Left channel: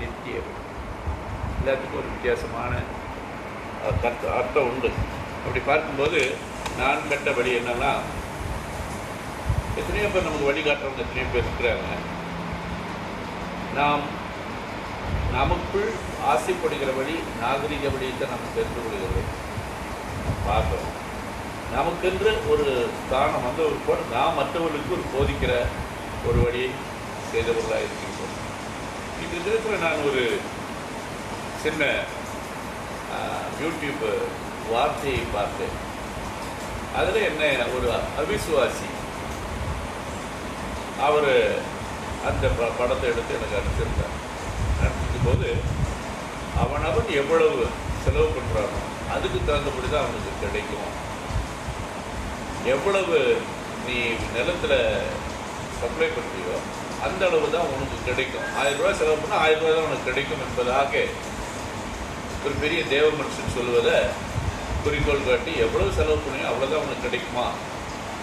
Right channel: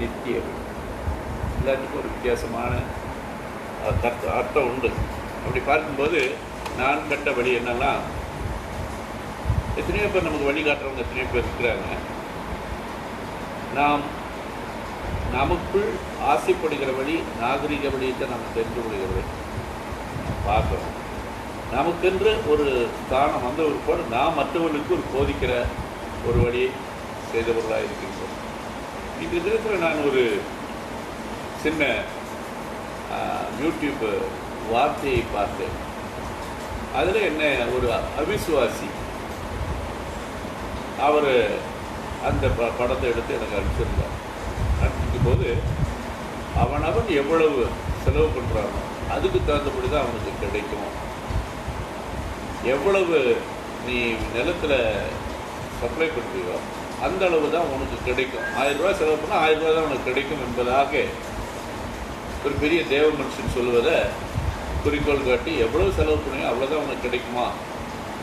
நித்தியம். எல்லாத்துக்கும் ஒரு வித்தியாசமான அர்த்தம் உண்டு. அப்படி பார்க்கும்போது நான் கண்ட வழி என்னன்னா, எத்தனையோ பேர் நமக்கு வழிகாட்டுறவங்க எத்தனையோ பேர் இருக்கிறாங்க. நாம் நமக்குள் ஆசைப்படுகிற வழி, நாகரிக வழியை நாம் தெரிந்து கொள்கிற வழி பார்க்கிறோம். நமக்கென்று ஒரு ஸ்தானம் வந்த ஒரு போது நாம் மற்றவர்களுக்கு ஒரு போதிக்கிற ஒரு வழியை செய்தவர்களாக இருக்கின்றோம். இந்த தினத்தில் நான் ஒரு சின்ன யூடியூப் வார்த்தையை பார்த்தேன். அதில் என்ன, ஒரு அவிசுவாசி அவர் அந்த படத்தை எடுத்து எனக்கு அனுப்பிச்சிருந்தார். அனுப்பிக்கும் போது அவனவன் எவ்வளவு செலவு பண்ணுறானோ அதுக்கு தகுந்தபடி தான் அவனுக்கு கிடைக்கும். எவ்வளவு நீ நிலத்தில் சப்ளை பண்ணுறியோ அந்த அளவு தான் உனக்கு கிடைக்கும். 1000 ரூபாய் செலவு பண்ணால் 1000 ரூபாய் தான் உனக்கு கிடைக்கும் என்பதாக ஒரு பெரிய தேவ மனுஷன் சொல்வதை குறிக்கோள் காட்டி, எவ்வளவு செலவு பண்ணியோ அவ்வளோதான் உனக்கு கிடைக்குமா,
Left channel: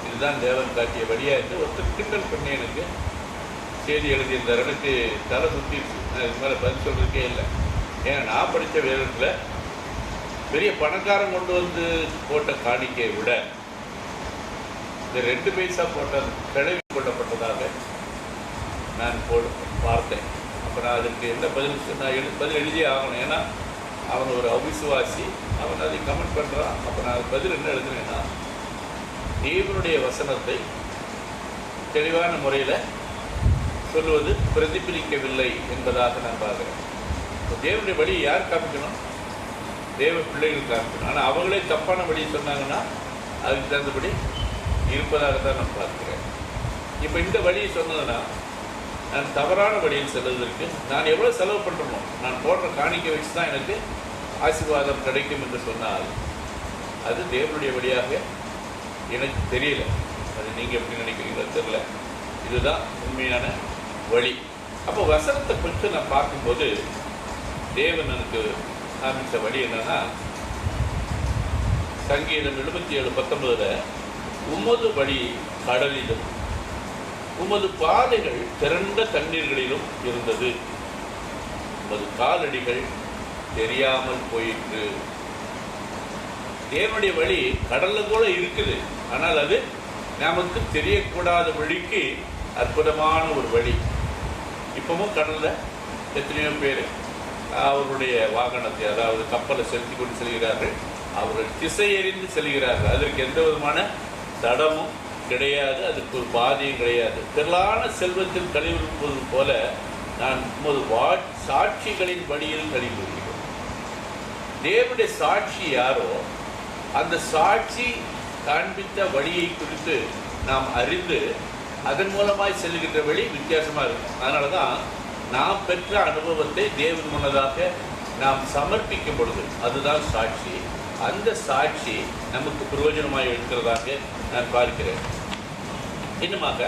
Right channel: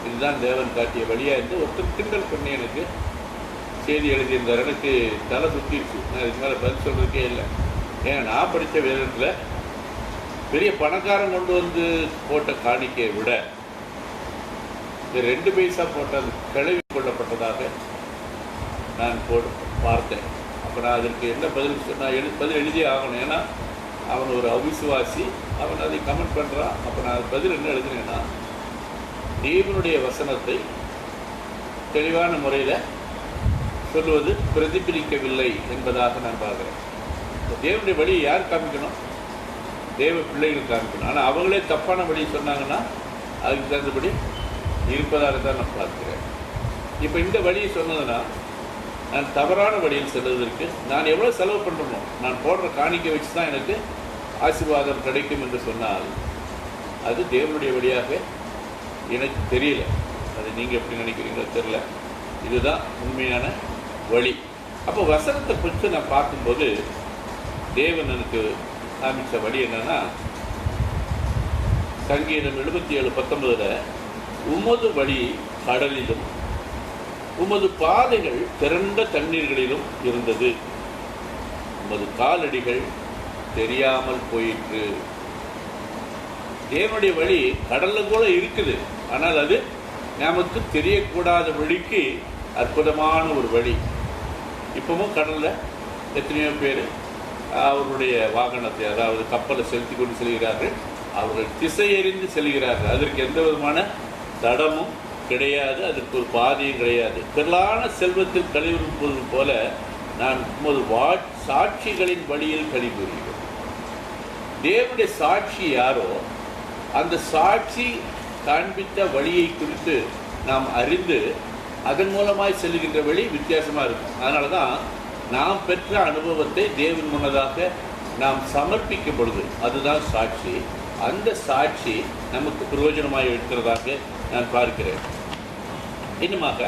இதுதான் தேவன் காட்டிய வழியா என்று ஒருத்தர் கிண்டல் பண்ணி எனக்கு செய்தி எழுதியிருந்தார். எனக்கு தலை சுத்திடுச்சு. நான் இதுக்கு மேலே பதில் சொல்றதுக்கே இல்லை. ஏன்னா நான் படித்த வேதத்தில் பெரிய பணக்காரன் கொண்டு வந்து போட்ட காணிக்கையை விட இந்த 2 பைசா போட்ட கிளவி கொள்ளப்பட்டதாக நான் பார்த்தேன். அப்போ நான் அதற்கு என்ன பதில் எழுதியே ஆகணும். ஏன்னா அவன் ஒரு அவிசுவாசி, அவன் அதை கமெண்ட் பண்ணுறான். அப்போ நான் பதில் என்ன எழுதுனேன்னா, தேவனுடைய வசனத்தை தெளிவான முறையில் சொல்வது பிரதிபலிக்கவில்லை என்பதாக நான் பார்க்குறேன். தேவனுடைய வழியை யார் காமிக்கணும்? தேவ பிள்ளைகள் காமிக்கணும். ஆனால் அவங்களே தப்பான வழியை சொன்னாங்கன்னா அதுக்கு தகுந்தபடி இருப்பதாக தான் நான் பார்க்கிறேன். இப்போ இந்த வழியை சொன்னதுன்னா, நான் தவறான வழியில் செல்வதற்கு நான் எவ்வளோ செலவு பண்ணுறனோ, நான் போடுற காணிக்கை வச்சு தான் எனக்கு ஆசீர்வாதம் கிடைக்கும் என்று சொன்னால் அது தேவனுடைய வழியாக எனக்கு தெரியல. அது நீங்கள் எப்படி நினைக்கிறீங்களோ தெரியல. இதுதான் உண்மையான வழி. அப்போ வசனத்தை பற்றி நான் பார்க்கும்போது தேவன் எனக்கு காமிச்ச வழி என்னன்னா, சங்கீதம் 77:19 உமது வழி கடலிலும் உமது பாதைகள் திரண்ட தண்ணீர்களிலும் இருந்தது, உமது காலடிகள் தெரியாமல் போயிற்று. தேவனுடைய வழி கடல்ல கூட இருக்குது, ஆனால் அது நமக்கு தெரியக்கூடாத வழிக்கு அற்புதமான ஒரு வழி. இப்பவும் கடல்ல எத்தனையோ பேர் அவருடைய வாகனத்தை, அதாவது கப்பலை செலுத்தி கொண்டு செல்கிறார்கள். அவர்கள் திசையறிந்து செல்கிறார்கள். அதற்கு எந்த விதமான தடமும் கிடையாது, அதற்கு ஒரு பாதையும் கிடையாது. திரளான செல்வத்தில் கழிவுறுப்பது போல நான் உமது சாட்சிகளின் வழியில் கழி கூறுகிறேன். தேவனுடைய சாட்சி யாரோ அந்த சாட்சி காண்பித்த வழியை குறித்து நாம் அறிந்து அதன் மூலமாய் செல்கின்ற வழி வித்தியாசமா இருக்கும். அதனாலதான் நாம் பெற்ற அனுபவத்தை தேவன் முன்னதாக நாம் சமர்ப்பிக்கும் பொழுது அதுதான் சாட்சி. அந்த சாட்சி நமக்கு பிரயோஜனமாக இருக்கிறதாக நான் பார்க்கிறேன். இன்னுமாக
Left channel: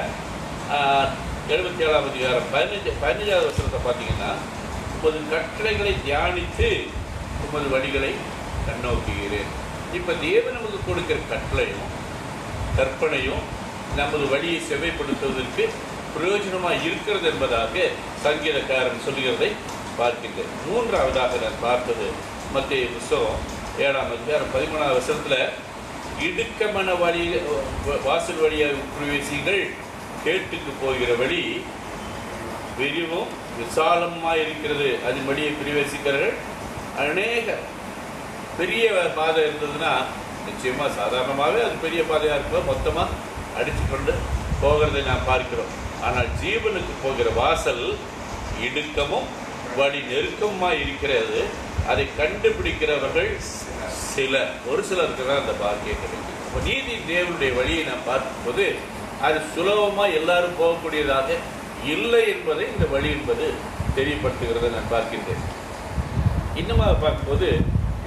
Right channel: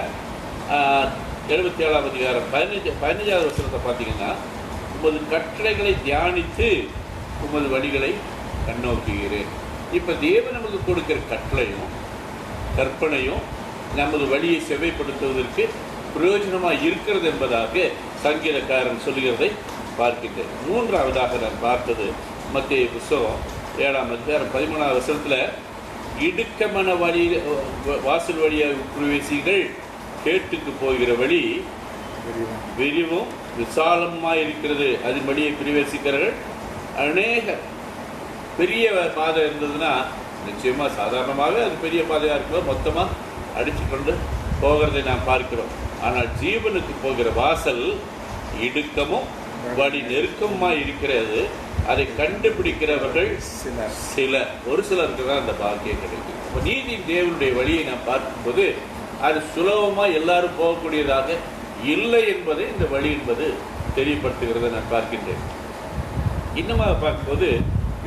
77ஆம் அதிகாரம் 15வது வசனத்தை பார்த்தீங்கன்னா, உமது கட்டளைகளை தியானித்து உமது வழிகளை கண்ணோக்குகிறேன். இப்ப தேவன் நமக்கு கொடுக்கிற கட்டளையும் கற்பனையும் நமது வழியை செவ்வைப்படுத்துவதற்கு பிரயோஜனமாக இருக்கிறது என்பதாக சங்கீதக்காரன் சொல்லுகிறதை பார்க்கின்றேன். 3ஆவதாக நான் பார்த்தது மத்திய புஸ்தகம் 7ஆம் அதிகாரம் 13ஆவது வசனத்துல, இடுக்கமான வழி வாசல் வழியாக பிரவேசிகள், கேட்டுக்கு போகிற வழி விரிவும் விசாலமாக இருக்கிறது, அதன் வழியை பிரவேசிக்கிறார்கள் அநேக. பெரிய பாதை இருந்ததுன்னா நிச்சயமா சாதாரணமாகவே அது பெரிய பாதையா இருக்கும், மொத்தமா அடிச்சு கொண்டு போகிறதை நாம் பார்க்கிறோம். ஆனால் ஜீவனுக்கு போகிற வாசல் இடுக்கமும் வழி நெருக்கமாய் இருக்கிறது. அதை கண்டுபிடிக்கிறவர்கள் ஒரு சிலருக்கு தான் அந்த பாக்கியம் கிடைக்கும். அப்ப நீதி தேவனுடைய வழியை நாம் பார்க்கும்போது அது சுலபமா எல்லாரும் போகக்கூடியதாக இல்லை என்பதை இந்த வழி என்பது தெரியப்படுத்துகிறதை நான் பார்க்கின்றேன். இன்னுமாக பார்க்கும்போது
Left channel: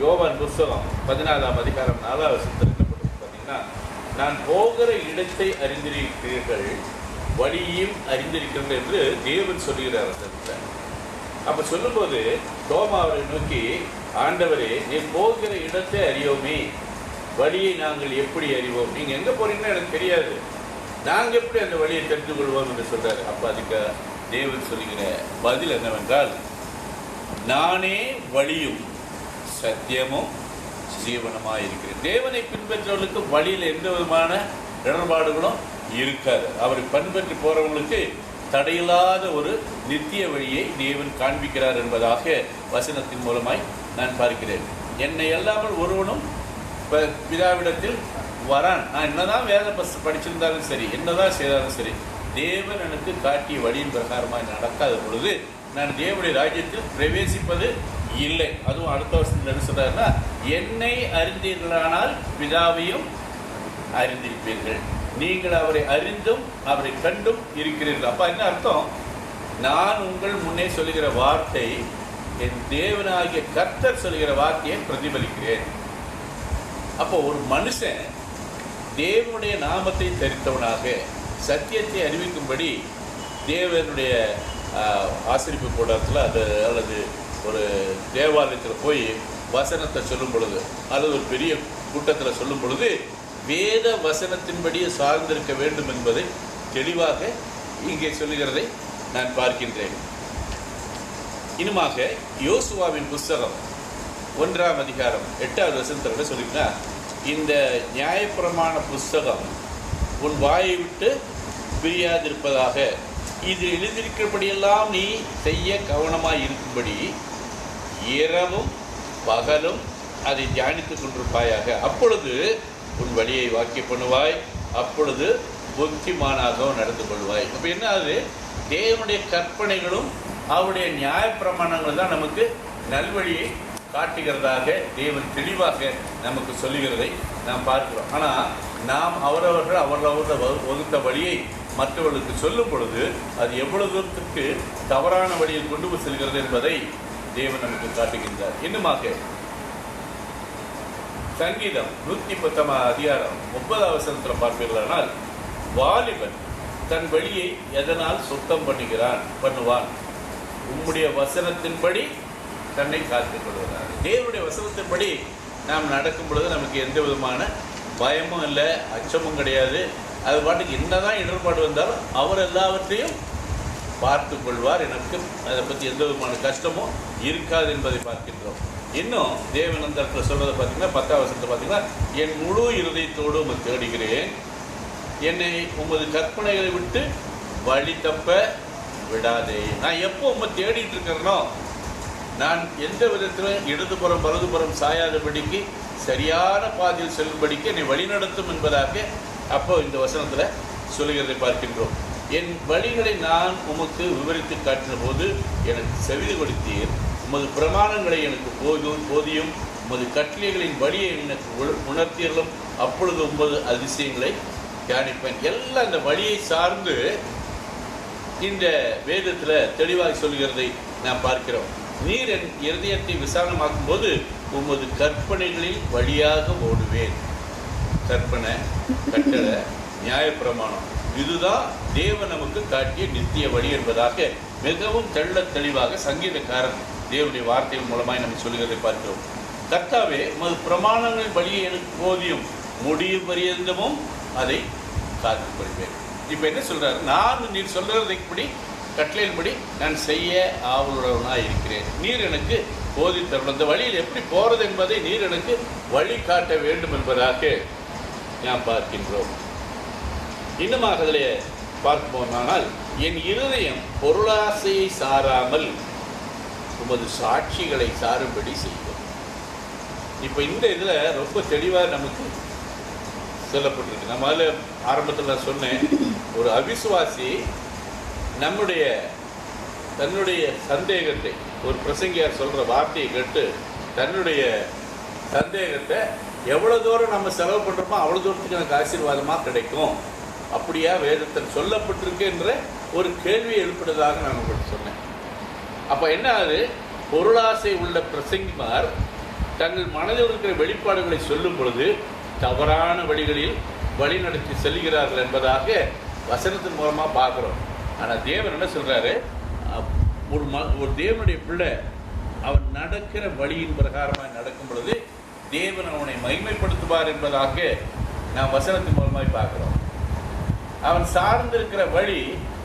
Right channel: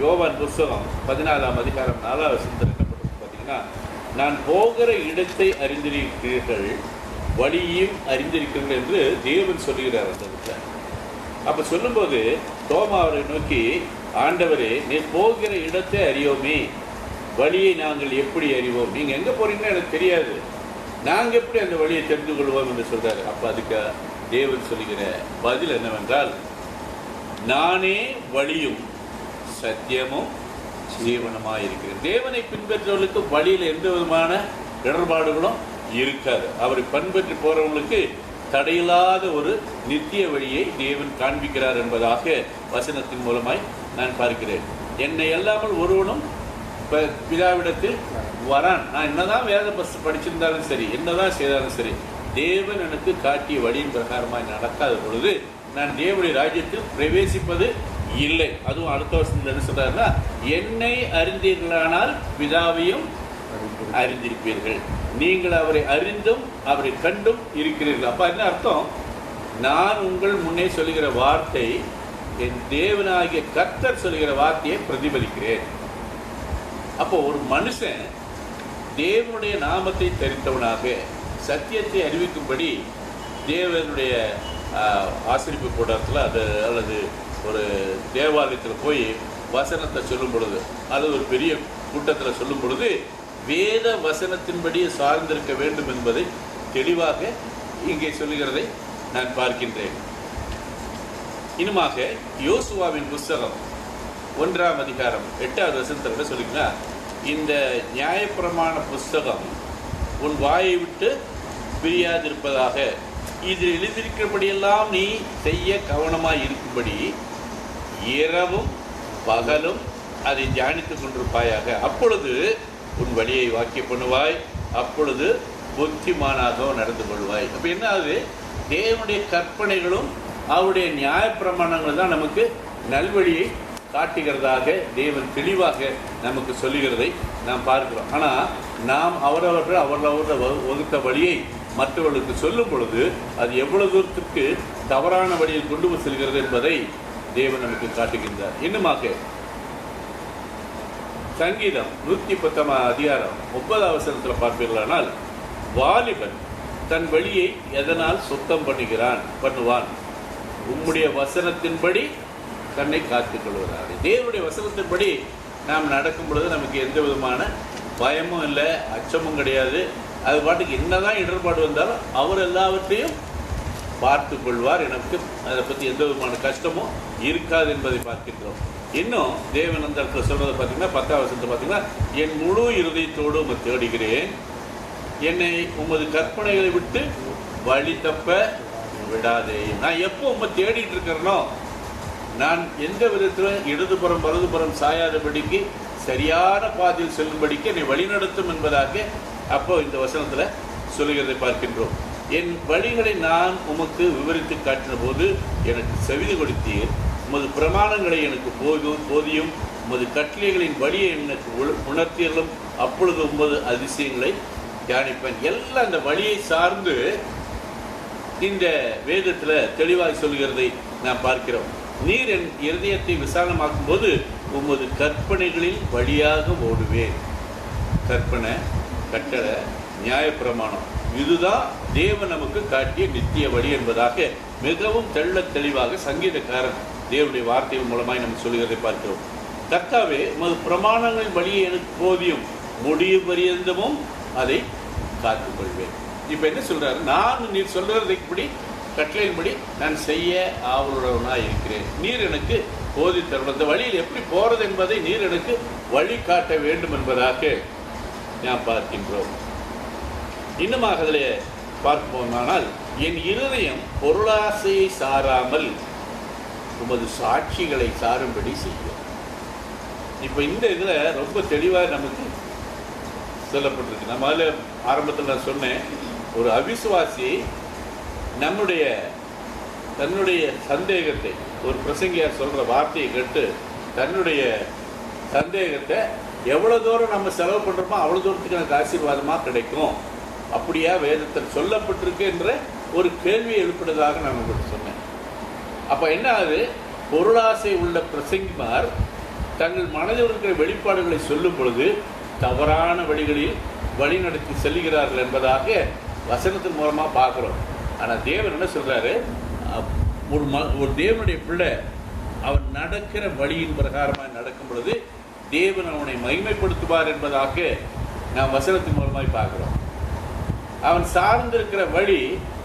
யோவான் புஸ்தகம் 14ஆம் அதிகாரம் 4ஆவது வசனத்தில் என்ன பண்ணுறது பார்த்தீங்கன்னா, நான் போகிற இடத்தை அறிந்திருக்கிறீர்கள், வழியையும் அறிந்திருக்கிறீர்கள் என்று தேவன் சொல்லுகிறார் அந்த இடத்துல. அப்ப சொல்லும்போது தோமா அவரை நோக்கி, ஆண்டவரே நீர் போகிற இடத்தை அறியோமே, வழியை நாங்கள் எப்படி அறிவோம்? நீங்க எங்க போறீங்கன்னா எனக்கு தெரியாது, நாங்க எப்படி அந்த வழியை தெரிந்து கொள்வோம் என்று சொல்றாரு. அப்ப அதுக்கு தேவன் சொல்லுகிற பதில் என்னவென்றால், நானே வழியும் சத்தியமும் ஜீவனமாயிருக்கிறேன். தேவனை பின்பற்றவர்களுக்கு வழியில் எந்த விதமான இடர்பாடுகளும் இருக்காது. அவரை பின்பற்றி போறவங்களுக்கு தடையில்லாத ஒரு நித்திய வழியை தேவன் காண்பிக்கிறார் என்பதாக வசனத்தின் மூலமாய் நான் பார்க்கிறேன். என்னை அல்லாமல் ஒருவனும் பிதாவிடத்தில் வரான். நான் என்னதான் வேத படிச்சிருந்தாலும் சரி, என்னதான் செய்தாலும் சரி, தேவன் எனக்கு காட்டிய வழியின் பிரகாரமாய் நடக்காத பொழுது நான் தேவனுடைய ராஜ்யத்தில் பிரவேசிப்பது இல்லை. அதுவும் அடுத்த வருஷத்துல என்ன சொல்றாருன்னா, என்னை அறிந்தீர்களானால் பிதாவையும் அறிந்திருப்பீர்கள். நீங்கள் அவரை அறிந்தும் அவரை கண்டும் இருக்கிறீர்கள். அப்ப என்ன அர்த்தம்? நான் உங்கள் முன்னே சொல்லுகிற வார்த்தை என் தேவனாகிய கர்த்தர் சொல்லுகிற வார்த்தையை பிரதிபலிக்கிறேன். அப்போ ஒரு மனுஷன் தேவனுடைய நாமத்தை தரித்தவனாக சத்தியத்தை அறிவிக்கும்படி தேவனுடைய ஆசிரிப்பு கூட்டத்தில் அல்லது ஒரு தேவாலயத்தில் போய் வசனத்தை சொல்லும் பொழுது அல்லது ஒரு பெரிய கூட்டத்தில் சொல்லும் பொழுது வேத வசனத்தின்படி சார்ந்திருக்க வேண்டும் என்பதை தெளிவாக இங்கே சொல்லுகிறதை நான் பார்க்கின்றேன். இன்னுமாக யோசுவாவின் புஸ்தகம் 1ஆம் அதிகாரம் 8வது வசனத்தில் சொல்லிங்கன்னா, இந்த நியாயப்பிரமாண புஸ்தகம் உன் வாயை விட்டு பிரியாதிருப்பதாக, இதில் எழுதியிருக்கிறபடியெல்லாம் நீ செய்ய கவனமாய் இருக்கும்படி இரவும் பகலும் அதை தியானித்துக் கொண்டிருப்பாயாக. அப்பொழுது உன் வழியை வாக்கிய பண்ணுவாய், அப்பொழுது புத்திமானாக நடந்து கொள்வாய். அப்ப என்ன ஆகுது? தேவனுடைய கற்பனைகளும் அவருடைய நியாயப்பிரமாணங்கள் தான் நமக்கு நல்வழியை காட்டுகிறதாக தேவன் தெளிவாக நமக்கு சொல்லுகிறதை நாம் பார்க்கிறோம். ஆனா நாம் அவரவர்கள் வகுத்த வழியை மற்றவர்களுக்கு சொல்லும் பொழுது அது எவ்வளவு தூரத்துக்கு தவறான வழியில் கொண்டு போய் செல்கிறது என்பதை தேவன் நமக்கு காட்டுகின்றார். இன்னுமாக சங்கீதம் 110ஆம் அதிகாரம் 9வது வசனத்தில் பார்ப்பீர்களானால், வாலிபன் தன் வழியை எதனால் சுத்தம் பண்ணுவான், உம்முடைய வசனத்தின்படி தன்னை காத்துக் கொள்கிறார். தேவனுடைய வசனத்தின்படி நாம் நடக்கும் பொழுது நமக்கு எந்த விதமான பயமும் இல்லை, அச்சமும் கிடையாது. அது பாட்டுக்கு என்னதான் இடர்பாடு வந்தாலும் அவர் எல்லாவற்றையும் பார்த்து கொள்வார். எனக்கு அதை பற்றி எந்த விதமான கஷ்டமும் இருக்காது என்பதை பார்க்கின்றோம். இன்னும் தேவன் அந்த இடத்துல சொல்றதை பார்த்தீங்கன்னா 10வது வசனத்தை பார்த்தீங்கன்னா, என் முழு இருதயத்தோடு உம்மை தேடுகிறேன், என்னை உமது கற்பனைகளை விட்டு வழி தப்ப விடாதேயும். நான் எப்போ உம்மை தேடிட்டு இருக்கிறனோ, நான் எந்த விதத்திலும் இடதுபுறம் வலதுபுறம் சாயாதபடிக்கு சரியான பாதையில் செல்லும்படிக்கு என்னை வழிநடத்தும் என்பதாக அப்போ இந்த வசனத்துல சொல்லுகிறதை பார்க்கின்றோம். என் வழிகளை நான் உமக்கு விவரித்து காட்டின போது எனக்கு செவிது கொடுத்தீர், உமது பிரமாணங்களை எனக்கு போதியும், உமது கட்டளைகளின் வழியை எனக்கு உணர்த்தீர்களும், அப்பொழுது உமது அதிசயங்களை தியானிப்பேன். எல்லாம் அந்த வழியை சார்ந்து இந்த வேதத்துல தெளிவாய் சொல்லுகிறதை நாம் பார்க்கிறோம். நீர் என் இருதயத்தை விசாலமாக்கும் போது உமது கற்பனைகளில் வழியாக ஓடுவேன். கற்பனை, கட்டளை, நியாயப்பிரமாணம், இதுதான் தேவன் நமக்கு காட்டிய நித்திய வழி என்பதாக மிகவும் தெளிவாக சங்கீதக்காரன் தேவனுடைய வார்த்தையின் மூலமாய் நம்ம சொல்லுகிறதை பார்க்கிறோம். கர்த்தாவே, உமது பிரமாணங்களின் வழியை எனக்கு போதியும், முடியும் பரியந்தமும் அதை காத்துக்கொள்வேன். இப்ப என்ன சொல்றாரு? நான் நீர் சொல்றதைப்படி கட்டளையின்படி நான் செய்ய ஆவலுடனாய் இருக்கிறேன். நீர் எனக்கு போதித்தருள், அந்த வழியில் எப்படி போறது என்பதை நீர் எனக்கு வழி காட்ட வேண்டும் என்பதாக நாம் பார்க்கின்றோம். இன்னுமாக அதில் பார்ப்போமானால், என் இருதயம் பொருளாசையை சாராமல் உமது சாட்சிகளை சாரும்படி செய்யும். இப்ப இந்த இதுல ரொம்ப தெளிவாக நமக்கு சொல்லப்பட்டிருக்கு. நம்ம அதில் ஆரம்பத்தில் நான் சொன்னேன், ஒரு அவிசுவாசி தன்னுடைய சந்தேகத்தை, ஒரு பிரசங்கியார் சொல்ற வார்த்தையை கேட்டு தன்னுடைய சந்தேகத்தை எவ்வளவு தூரம் நம்ம செலவு பண்றோமோ அவ்வளவு தூரத்துக்கு எனக்கு ஆசீர்வாதமா கிடைக்கும், அப்படியா வேதத்தில் சொல்லப்பட்டிருக்கு என்ற ஒரு கேள்வியை எழுப்பினதாக நான் உங்களுக்கு சொன்னேன். அப்ப என்ன ஆகுது? பொருளாசை உள்ள பிரசங்கிமார் தங்கள் மனதில் இருக்கிற வெளிப்பாடுகளை சொல்லும் பொழுது தவறான வழிகளில் வழி நடத்தி செல்கிறார்கள் என்பதாக வசனத்தின் மூலமா பார்க்கிறோம். ஆனா தேவன் என்ன சொல்றாரு? ஒரு தேவனுடைய பிள்ளை அவன் நடக்கிற வழியின் பிரகாரமாக நடக்கும் பொழுது தேவன் அவனை மகிமைப்படுத்துவார் என்பதாக நாம் வசனத்தின் மூலமாய் பார்க்கிறோம். அவன் சார்ந்திருக்கிற வழி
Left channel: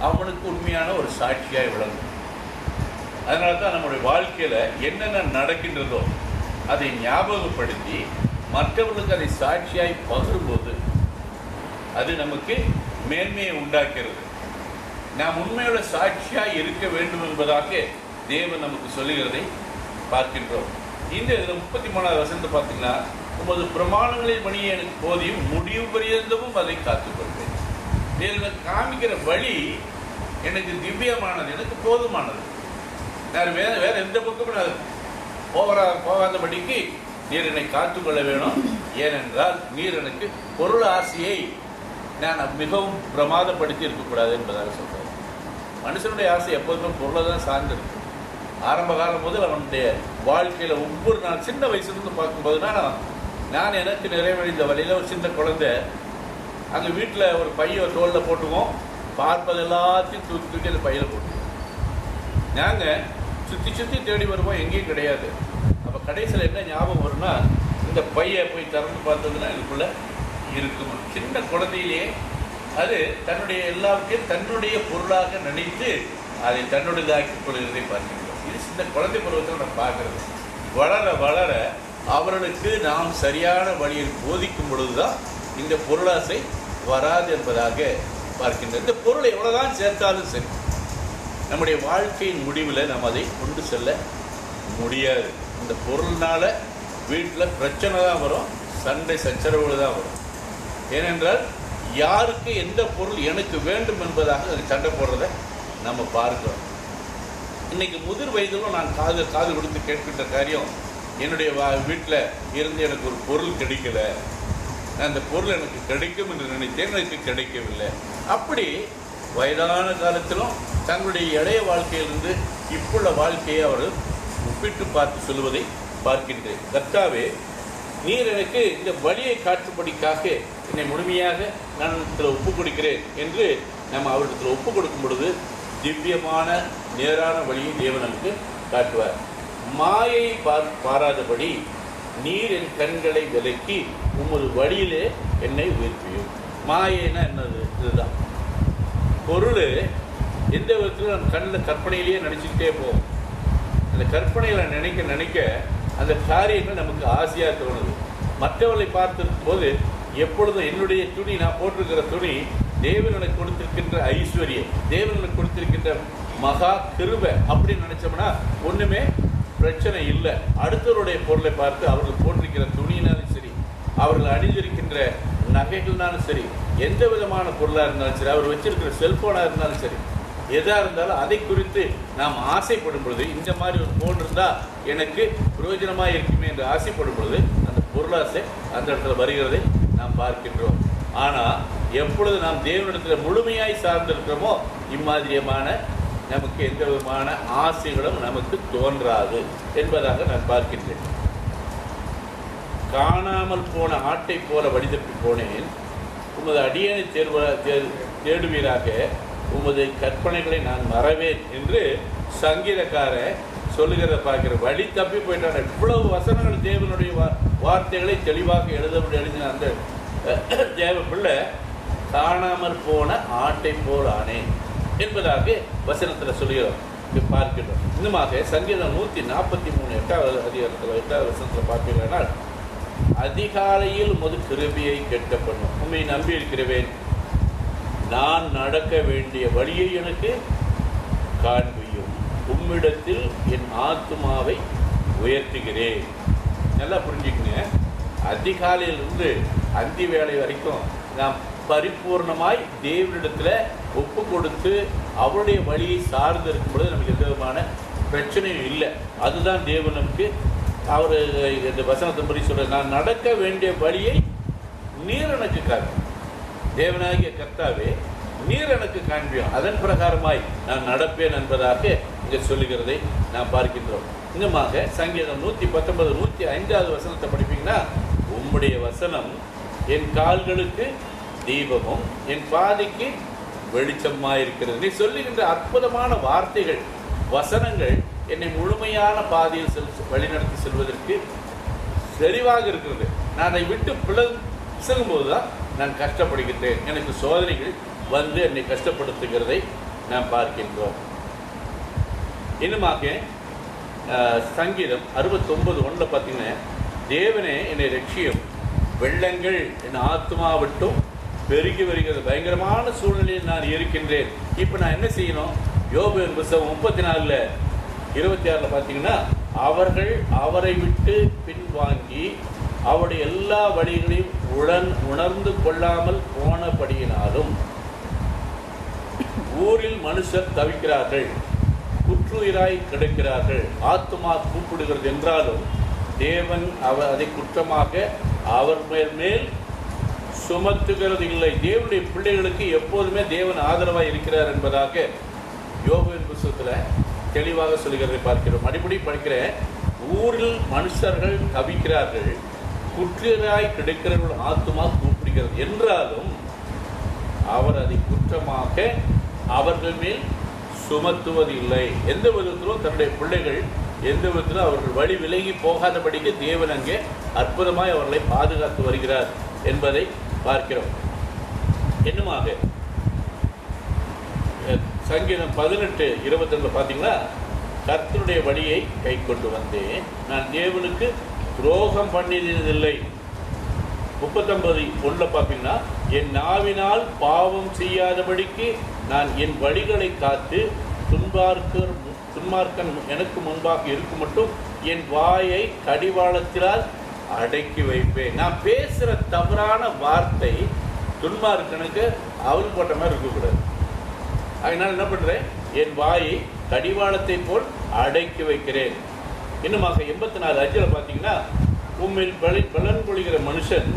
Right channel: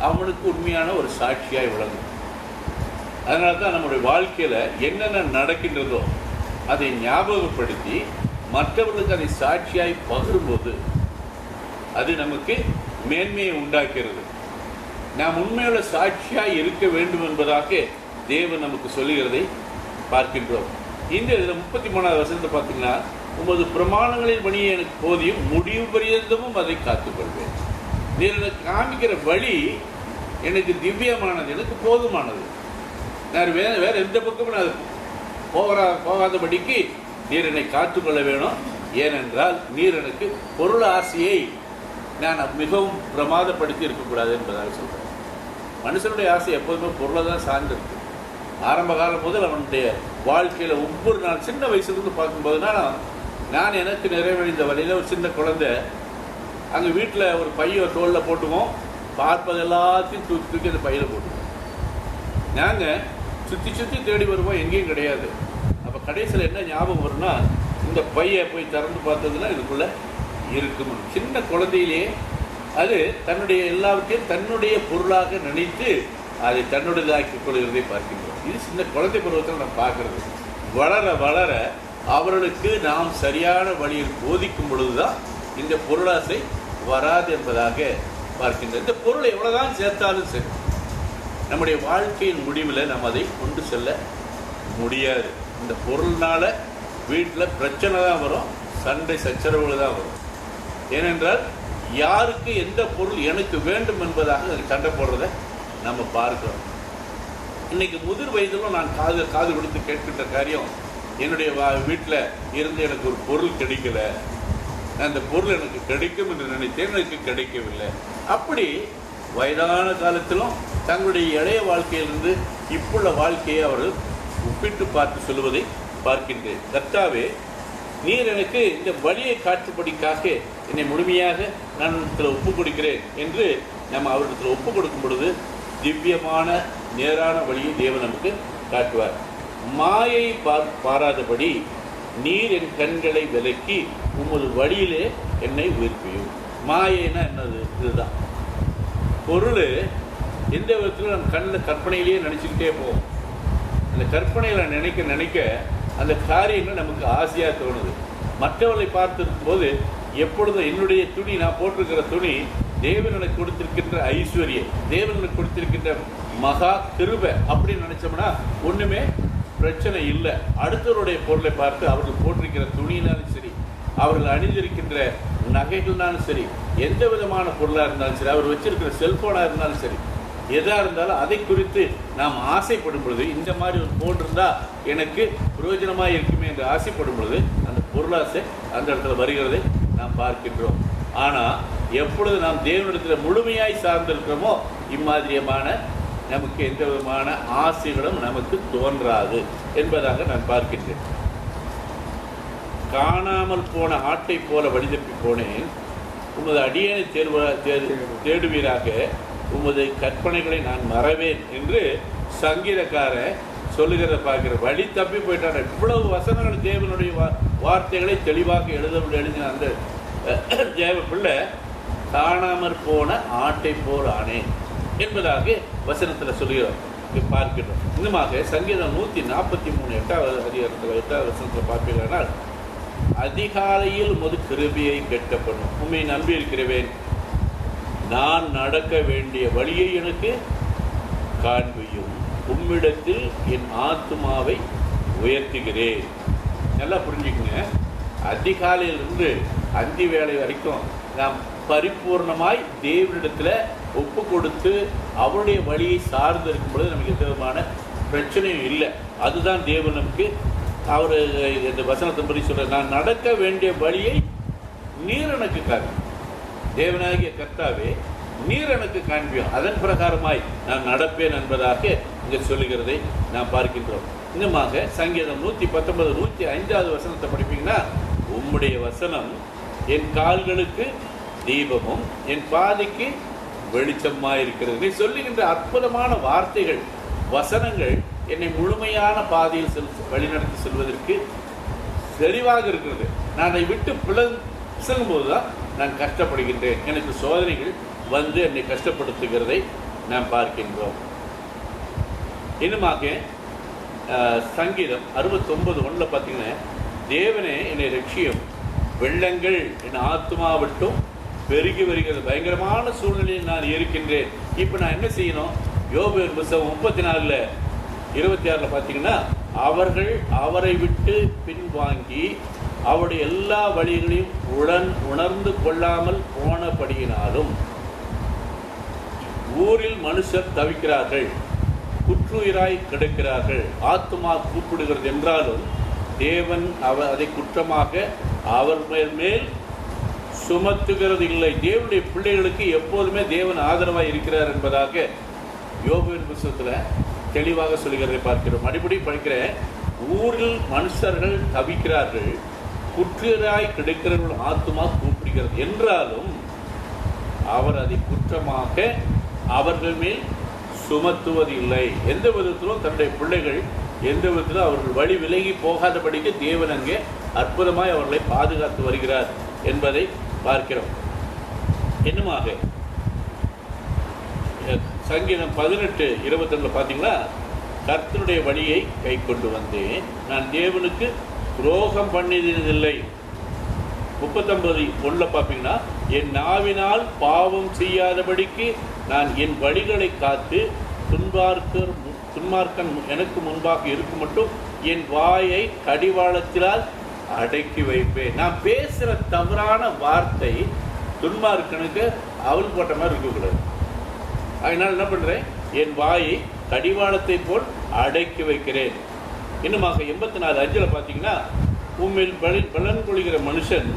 அவனுக்கு உண்மையான ஒரு சாட்சியாய் விளங்கும். அதனால தான் நம்முடைய வாழ்க்கையில என்னென்ன நடக்கின்றதோ அதை ஞாபகப்படுத்தி மற்றவர்களுக்கு அதை சாட்சியாய் பகிரும்போது அது நமக்கு மேன்மையை உண்டாக்குகிறது. நாம் உண்மையுள்ள சாட்சியாய் இருக்க வேண்டும் என்பதாக தேவன் நமக்கு சொல்லுகிறதை பார்க்கின்றோம். இந்த 33வது வசனத்தை பார்த்தீங்கன்னா, உமது பிரமாணங்களின் பணியை எனக்கு போதியும், முடிவு பரியந்தமும் அதை காத்துக்கொள்வேன். நீர் காமிக்கிற வழி எனக்கு திவ்யமானது, எனக்கு போதுமானது. நான் வேற எந்த பக்கமும் நான் போகாதபடிக்கு நீர் என்னை காத்துக்கொள்ள வேணும். ஏனென்றால் நீர் எனக்கு பொருள் ஆசையை நான் மிகவும் பிரமாதப்படுத்தி இருக்கக்கூடாது என்பதாக சொல்றார். மனுஷனுடைய ஆசை எப்போதுமே பொருளை தான் சார்ந்திருக்கு. ஆரம்ப காலம் முதல் அவனுடைய வாழ்க்கையில ஒவ்வொரு நாள் சின்ன வயசுலேருந்து பார்க்கும்போதுனா, நான் எனக்கு நிறைவடைந்த வழியில ஒரு சின்ன குழந்தை அங்க வீட்டில் ஒரு பைய தோல்ல போட்டுவோம், பார்ப்பது எல்லாத்தையும் தூக்கி அந்த பையில போட்டுவோம். நாங்க சுத்தி சுத்தி தேடி வருவோம், எங்கேயும் கிடையாது. அப்ப கடைசியில் என்ன ஞாபகம் வரும்னா, இந்த பைய போய் திறந்து பார்த்ததுன்னா இதுக்குள்ள இருக்கும். சின்ன குழந்தையிலேயே அது தன்னுடைய எல்லாவற்றையும் தன்னுடைய பொருளாக நினைத்து அதை தன்னுடையதாக்கிக் கொள்கிறதை பார்க்கிறோம். இது சின்ன குழந்தை பருவத்தில் நம்ம பார்க்கிறது. வளர வளர அவர்களுக்கு நாம் சரியான வழியில் போதிக்கும் பொழுதுதான் இந்த பொருளாசை வராது என்பதாக பார்க்கின்றோம். இந்த பொருளை எவ்வளவுதான் சேர்த்தாலும் சரி, நம்முடைய வாழ்க்கையின் முடிவில் நாம் அதை கொண்டு செல்ல முடியாது. இந்த பொருள்னால வீட்டில் பிரச்சனை தான் வரும், சண்டை சச்சரவுகள் தான் வரும். ஏனென்றால் யாருக்கு எந்த பொருள் எனக்கு வேண்டும் என்பதாக சண்டை போடுறத நம்ம பார்க்கிறோம். இன்னைக்கு முதிர் வயதிலும் நான் காது கொடுத்து கேட்கின்ற காரியம், என்னுடைய வீட்டில் இருந்து எனக்கு ஒரு பொருள் கிடைக்கல, அந்த பொருள் எனக்கு கிடைக்கும் என்று நினைத்தேன், எனக்கு கிடைக்கவில்லை. அப்படி வயதான காலத்திலும் தங்களுடைய இளைய வாழ்க்கையிலிருந்து இப்புள்ள வாழ்க்கையை அவர்கள் ஒப்பிட்டு பார்த்து சொல்லுவதை பார்க்கின்றேன். கர்த்தாவே, நீர் எனக்கு இந்த வழியை காட்டும்படிக்காக என்னை முழுமையாக நான் ஒப்புக் கொடுக்கிறேன் என்று நம்ம அவரிடத்தில் ஒப்புக் கொடுக்கும் பொழுது திவ்யமான நேரான வழியை தேவன் நமக்கு காட்டுவார். மாயை பாராதபடி நீர் என் கண்களை விலக்கி உமது வழியிலே என்னை உயிர்ப்பியும். மாயைன்னா என்னது? இதுதான் பொருள். எந்த விதத்திலும் நம்ம கண்ணில் கற்பனையிலேயே நினைச்சுக்கிட்டே போவோம். அந்த கற்பனையில நினைக்க நினைக்க அந்த காரியங்கள் நமக்கு ஆசையா தோணுது. மற்றவர்களை பார்த்திருக்கும் போது எப்பொழுதும் என்னுடைய துணி, நான் போட்டிருக்கிற துணி தேவன் எனக்கு கொடுத்திருக்கின்ற ஐஸ்வர்யம், தேவன் எனக்கு கொடுத்திருக்கின்ற மகா கிருபை அப்படின்னு நினைச்சோம்னா ஒண்ணுமே பிரச்சனை இல்லை. அடுத்தவருடைய பொருளை பார்த்து அவர்கள் போட்டிருக்கிற துணியினாலும் சரி, அவர்கள் அணிந்திருக்கின்ற நகைகள்னாலும் சரி, எந்த விதமான பொருளா இருந்தாலும் சரி, அவர் வச்சிருக்கிற செல்போனா இருந்தாலும் சரி, எதா இருந்தாலும் அதை குறித்து நாம் ஆசைப்படும் பொழுது, இந்த மாதிரி ஒரு போன் இருந்தா எனக்கு பிரயோஜனமா இருக்குமே என்று ஆசைப்படும் பொழுது அந்த பொருளாசை அந்த இடத்துல வருகிறதை நாம் பார்க்கின்றோம். ஆனா எப்பொழுது நாம் தேவனிடத்தில் முழுமையாய் சார்ந்திருக்கிறோமோ இம்மாதிரியமான நமக்கு எந்த விதமான ஆசைகளும் நமக்கு தோன்றாது என்பதாக நான் பார்க்கின்றேன். காணாமல் போன ஆட்டை போல வழிதப்பி போனேன், உமது அடியனை தேடுவீராக, உமது கற்பனைகளை நான் மறவேன் என்று சங்கீதக்காரன் சொல்லுகிறத பார்க்கிற. வழி தப்பி போயிட்டான. இவ்வளவு வசனங்கள் தேவனுடைய வார்த்தைகளை தெளிவாக எழுதின அந்த தேவ பிள்ளை காணாமற் போன ஆட்டை போல் ஆனேன் என்பதாக வசனத்தில் சொல்லுகிறோம், பார்க்கிறோம். இன்னுமாக சங்கீதம் 143 8வது அதிகாரத்தில் 8வது வசனத்தில் பார்ப்பீர்களானால், அதிகாலையில் உமது கிருபையை கேட்கப்படும், உம்மை நம்பி இருக்கிறவேன், நான் நடக்க வேண்டிய வழியை எனக்கு காண்பியும், உம்மிடத்தில் என் ஆத்துமாவை உயர்த்துகிறேன். நல்லா புரிஞ்சுக்குங்க. அதிகாலையிலிருந்து அந்தி வேலை வரைக்கும் நாம் பரிபூர்ணமாய் தேவனிடத்தில் ஒப்பு கொடுத்து அவருடைய வழியை சார்ந்து இருக்கும் பொழுது நமக்கு எந்த விதமான பிரச்சனையும் இல்லை. அதுதான் தேவன் நமக்கு அவர் இந்த வசனத்தின்படி சொல்ற, நான் நடக்க வேண்டிய வழியை நீர் எனக்கு காண்பியும். தேவனாகிய கர்த்தாவே, நீர் எனக்கு காண்பியும், அதன் பிரகாரமாய் நான் நடப்பேன் என்பதாக இங்க சொல்லுகிறதை நாம் பார்க்கின்றோம். இன்னுமாக சங்கீதம் 119 105வது வசனத்தை படிப்பீங்கன்னா, உம்முடைய வசனம் என் கால்களுக்கு தீபமும் என் பாதைக்கு வெளிச்சமாயிருக்கிறது. நீ சொல்லுகின்ற அற்புதமான வார்த்தைகள், வசனங்கள் என்னை முழுமையான பாதையில் வழிநடத்தி செல்வதற்கு தெளிவாக இருக்கிறது. நான் அதை விட்டு பிசகும் போதுதான் நான் கஷ்டப்படுகின்றேன். எனக்கு சோதனைகள் வந்து என்னை கஷ்டப்படுத்துகிறதை நாம் பார்க்கின்றோம். இன்னுமாக சங்கீதம் 69:1 பார்த்தீங்கன்னா, தேவனே என்னை ரட்சியும், வெள்ளங்கள் என் ஆத்துமா விட்டும் பெருகி வருகிறது. பயங்கரமான சூழ்நிலையில் நான் இருக்கின்றேன். இப்ப நான் என்ன செய்யணும்? யோபுவின் புத்தகம் 34:26 பார்த்தீங்கன்னா, அவர்கள் அவரை விட்டு பின்வாங்கி அவருடைய எல்லா வழிகளையும் உணர்ந்து கொள்ளாமல் போனபடியினாலும் ஊரில் மனுஷர் தவிக்கிறார்கள், குற்றுயிராய் கிடக்கிறார்கள். ஆத்துமா கூப்பிடுகிறது என்றாலும் தேவன் அதை குற்றமாக அவர் மேல் சுமத்துகிறது இல்லை. தேவனுடைய பிள்ளைகளுக்கு எப்போதுமே தேவன் ஆதரவாய் இருக்கிறார் என்பதாக யோபுவின் புத்தகத்தில் தெளிவாக சொல்கிறதை பார்க்கிறோம். அடிப்படை படிக்கிற, ஊரில் மனுஷர்கள் தவிக்கிறார்கள், குற்றுயிராய் கிடைக்கிறவர்கள் ஆத்துமா கூப்பிடுகிறது என்றாலும் அவர் அதை குற்றமாக அவர்கள் மேல் சுமத்துவது இல்லை. எந்த விதத்திலும் தன்னுடைய பிள்ளைகள் எந்த விதத்திலும் அவர்கள் வழி விலகி போகாதபடிக்கு தேவன் அங்கே அற்புதமாய் அவர்களை பாதுகாத்து வருகிறார் என்பதை பார்க்கிறோம். என்னமாக சங்கீதம் 18:22 பார்த்தீங்களா, கர்த்தருடைய வழியை கை கொண்டு வந்தேன், நான் தேவனுக்கு துரோகம் பண்ணியதில்லை. 39:1 பார்ப்பீங்கன்னா, என் நாவினால் பாவம் செய்யாதபடிக்கு நான் என் வழிகளை காத்து துன்மார்க்கன் எனக்கு முன்பாக இருக்கும் மட்டும் என் வாயை கடிவாளத்தினால் அடக்கி வைப்பேன். நான் பேசுற தவறான வார்த்தை துன்மார்க்கனுக்கு அவள் போட்ட மாதிரி இருக்கக்கூடாது. அதனால என்ன பண்றேன்? என் வாயை கடிவாளத்தை போல் அடக்கி வைக்கிறேன். இன்னுமாக 84:5 பார்த்தீங்கன்னா, உம்மில் பலன் கொள்கிற மனுஷன்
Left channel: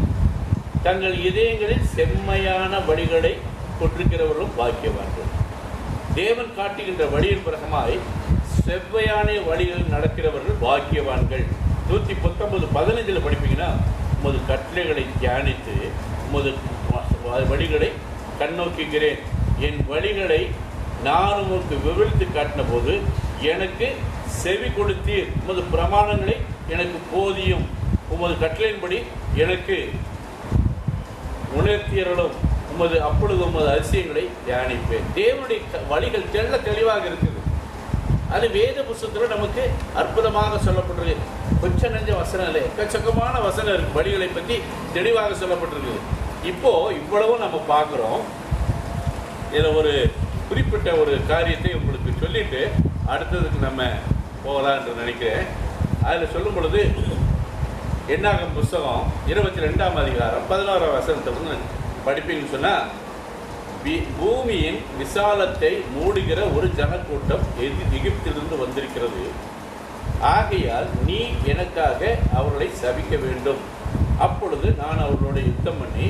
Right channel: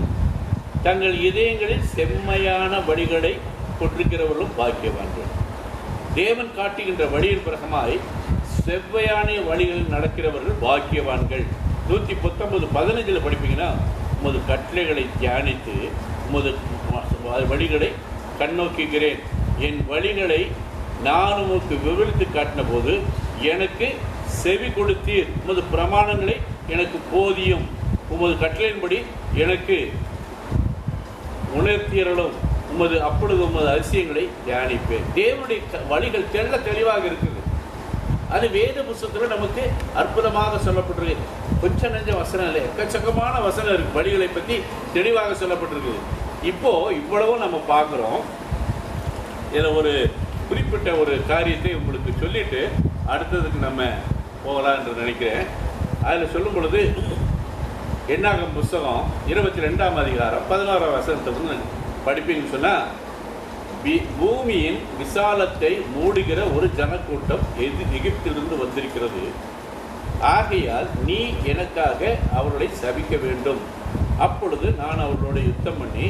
தங்கள் இதயங்களில் செம்மையான வழிகளை கொண்டிருக்கிறவர்களும் பாக்கியவான்கள். தேவன் காட்டுகின்ற வழியின் பிரகமாய் செவ்வையான வழிகளில் நடக்கிறவர்கள் பாக்கியவான்கள். 119:15 படிப்பீங்கன்னா, உமது கட்டளைகளை தியானித்து உமது வழிகளை கண்ணோக்குகிறேன். என் வழிகளை நான் உமக்கு விவரித்து காட்டின போது எனக்கு செவி கொடுத்தீர். உமது பிரமாணங்களை எனக்கு போதியும், உமது கட்டளையின்படி எனக்கு உணர்த்தியர்களும் அப்பொழுது உமது அதிசயங்களை தியானிப்பேன். தேவனுடைய வழிகள் தெளிவாக இருக்குது. அது வேத புத்தகத்தில் நமக்கு அற்புதமாக சொல்லப்பட்டிருக்கு. கொஞ்ச நெஞ்ச வசனம் இல்லை, எக்கச்சக்கமான வசனம் இருக்கு. வழிகளை பற்றி தெளிவாக சொல்லப்பட்டிருக்குது. இப்போ இவ்வளவும் நம்ம பார்க்கிறோம். இதில் ஒரு குறிப்பிட்ட ஒரு காரியத்தை உங்களுக்கு சொல்லிட்டு அடுத்ததுக்கு நம்ம போகலாம் என்று நினைக்கிறேன். அதில் சொல்லும் பொழுது என்னாகும் புஸ்தகம் 22ஆம் அதிகாரம் 11ஆம் வசனத்தை படிப்பீங்கன்னு சொன்னா, பூமியின் விசாலத்தை மூடுகிற ஒரு ஜனக்கூட்டம் எகிப்திலிருந்து வந்திருக்கிறது. ஆகையால் நீ எனக்காக அவர்களை சபிக்க வேண்டும். அப்பொழுது நான் அவர்களோட யுத்தம் பண்ணி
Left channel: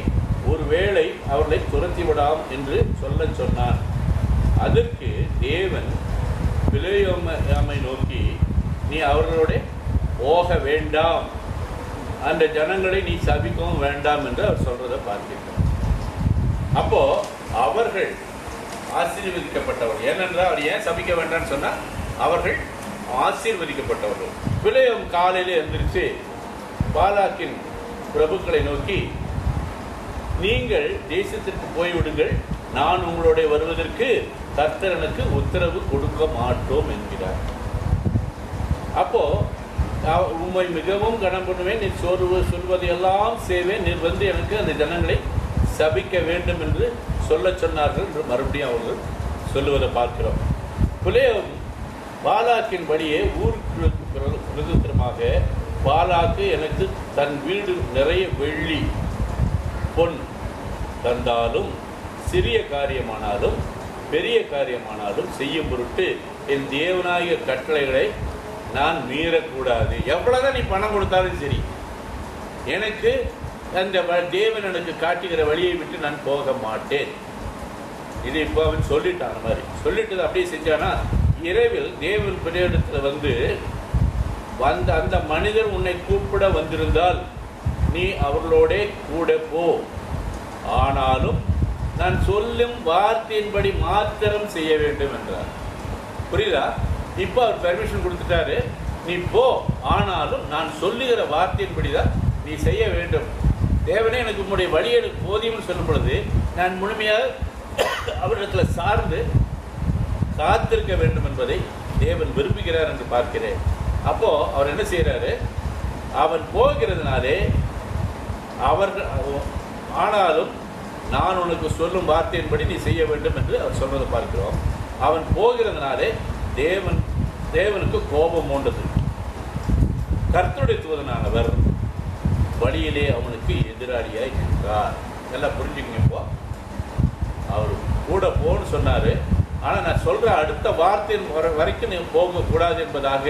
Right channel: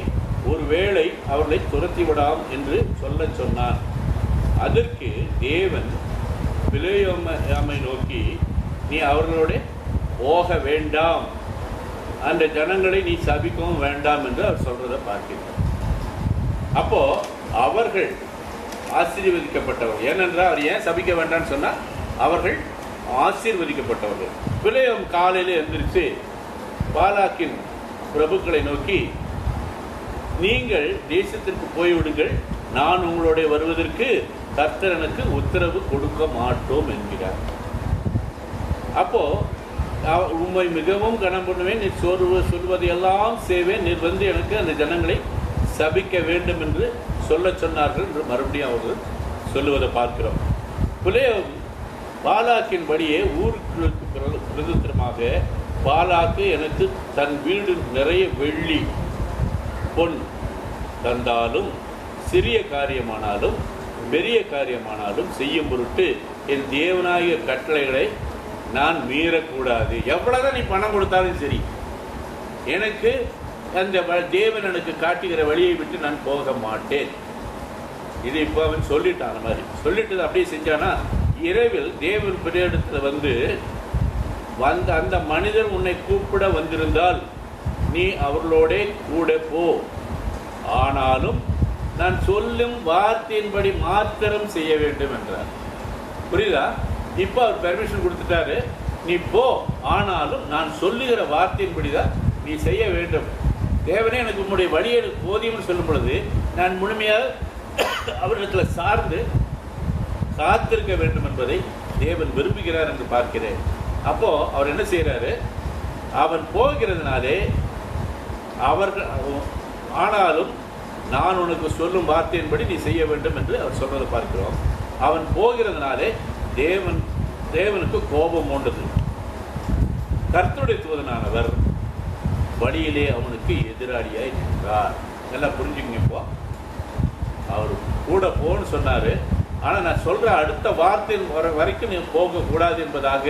ஒருவேளை அவர்களை துரத்தி விடாம் என்று சொல்ல சொன்னான். அதற்கு தேவன் பிலேயாமை நோக்கி, நீ அவர்களோட போக வேண்டாம், அந்த ஜனங்களை நீ சபிக்கவும் வேண்டாம் என்று அவர் சொல்றதை பார்க்கிறோம். அப்போ அவர்கள் ஆசீர்வதிக்கப்பட்டவர்கள். ஏனென்றால் அவர் ஏன் சபிக்க வேண்டாம்னு சொன்னா, அவர்கள் ஆசீர்வதிக்கப்பட்டவர்கள். பிலேயாம் காலையில எந்திரிச்சு பாலாக்கின் பிரபுக்களை நோக்கி, நீங்கள் தேசத்திற்கு போய்விடுங்கள், நான் உங்களோட வருவதற்கு கர்த்தர் எனக்கு உத்தரவு கொடுக்க மாட்டோம் என்கிறார். அப்போ உண்மை மிகவும் கனம் பண்ணுவேன், நீ சொல்வதையெல்லாம் செய்வேன், நீர் வந்து எனக்கு அந்த ஜனங்களை சபிக்க வேண்டும் என்று சொல்ல சொன்னார்கள் என்று மறுபடியும் அவர்கள் சொல்லுவதை பார்க்கிறோம். பிலேயாம் பாலாக்கின் படியே ஊருக்கு பிரதித்திரமாக, பாலாக்கு எனக்கு தன் வீடு நிறைய வெள்ளி பொன் தந்தாலும் சிறிய காரியமானாலும் பெரிய காரியமானாலும் செய்யும் பொருட்டு என் தேவனாகிய கட்டளைகளை நான் மீறக்கூடாது. எவ்வளவுதான் நீ பணம் கொடுத்தாலும் சரி, எனக்கு அந்த தேவன் எனக்கு காட்டுகிற வழியை விட்டு நான் போக மாட்டேன். இது இப்போ அவன் சொல்லிட்டான். மாதிரி சொல்லிட்டு அப்படியே செஞ்சானா, இரவில் தேவன் பிரியிடத்துல வந்த அந்த மனிதர் உன்னை கூப்பிட வந்திருந்தால் நீ அவர்களோட கூட போ, ஆனாலும் நான் சொல்லும் வார்த்தையின்படி மாத்திரம் செய்ய வேண்டும் என்றார். புரியுதா? இப்ப அவர் பெர்மிஷன் கொடுத்துட்டாரு, நீ போ, ஆனாலும் நான் சொல்லுகிற வார்த்தையின்படிதான் நீ செய்ய வேண்டும். தேவனே எனக்கு உன்னுடைய வழியை போதியும்னு சொல்லும் பொழுது நான் முழுமையாக அவரிடத்துல சார்ந்து காத்திருக்க வேண்டும் என்பதை தேவன் விரும்புகிறார் என்று பார்க்கிறேன். அப்போ அவர் என்ன செய்யறாரு? அவன் போகிறதுனாலே அவர்கள், ஆனாலும் நான் உனக்கு சொல்லும் வார்த்தையின்படி நீ செய்ய வேண்டும் என்று அவர் சொல்வதை பார்க்கிறோம். அவன் போகிறதுனாலே தேவனுக்கு கோபம் உண்டது. கர்த்தருடைய தூதனானவர் வழியிலே அவனுக்கு எதிராளியாய் நின்றார். எல்லாம் புரிஞ்சுக்கங்க. இப்போ அவர் கூட போன்னு சொன்னாரு. ஆனா நான் சொல்ற அடுத்த வார்த்தையின் வரைக்கும் நீ போக கூடாது என்பதாக